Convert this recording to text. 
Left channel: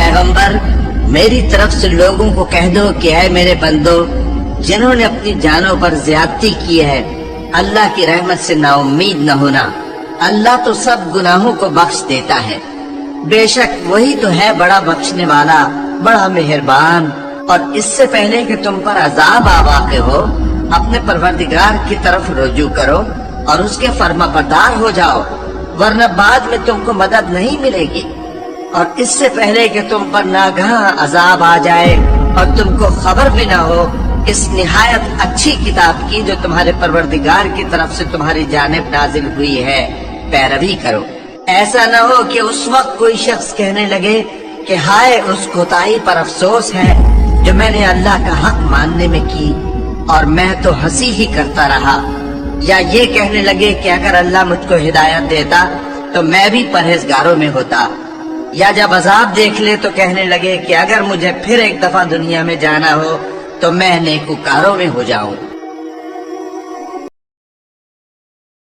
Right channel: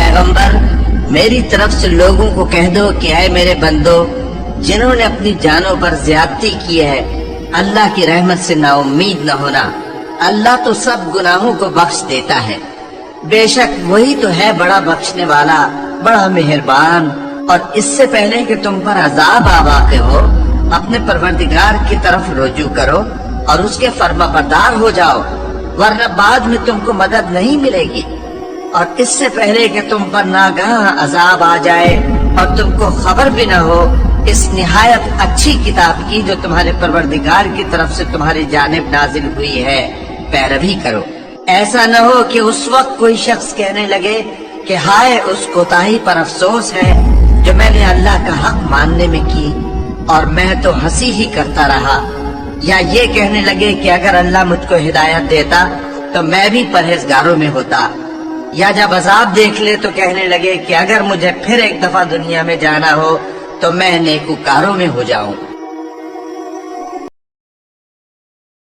पैगंबर, मेरी तरफ से लोगों को कह दो कि ऐ मेरे बंदो, जिन्होंने अपनी जानों पर ज्यादती की है, अल्लाह की रहमत से नाउम्मीद न होना। अल्लाह तो सब गुनाहों को बख्श देता है। बेशक वही तो है बड़ा बख्शने वाला, बड़ा मेहरबान। और इससे पहले कि तुम पर अजाब आ वाक़े हो, अपने परवरदिगार की तरफ रुजू करो और उसके फर्माबरदार हो जाओ, वरना बाद में तुमको मदद नहीं मिलेगी। और इससे पहले कि तुम पर नागहा अजाब आ जाए और तुमको खबर भी न हो इस निहायत अच्छी किताब की जो तुम्हारे परवरदिगार की तरफ से तुम्हारी जानिब नाजिल हुई है, पैरवी करो। ऐसा न हो कि उस वक्त कोई शख्स कहने लगे कि हाय उस कोताही पर अफसोस है जो मैंने अल्लाह का हक मानने में की और मैं तो हंसी ही करता रहा। या ये कहने लगे कि अगर अल्लाह मुझको हिदायत देता तो मैं भी परहेजगारों में होता। या जब अजाब देख ले तो कहने लगे कि अगर मुझे फिर एक दफा दुनिया में जाना हो तो मैं नेकूकारों में हो जाऊं।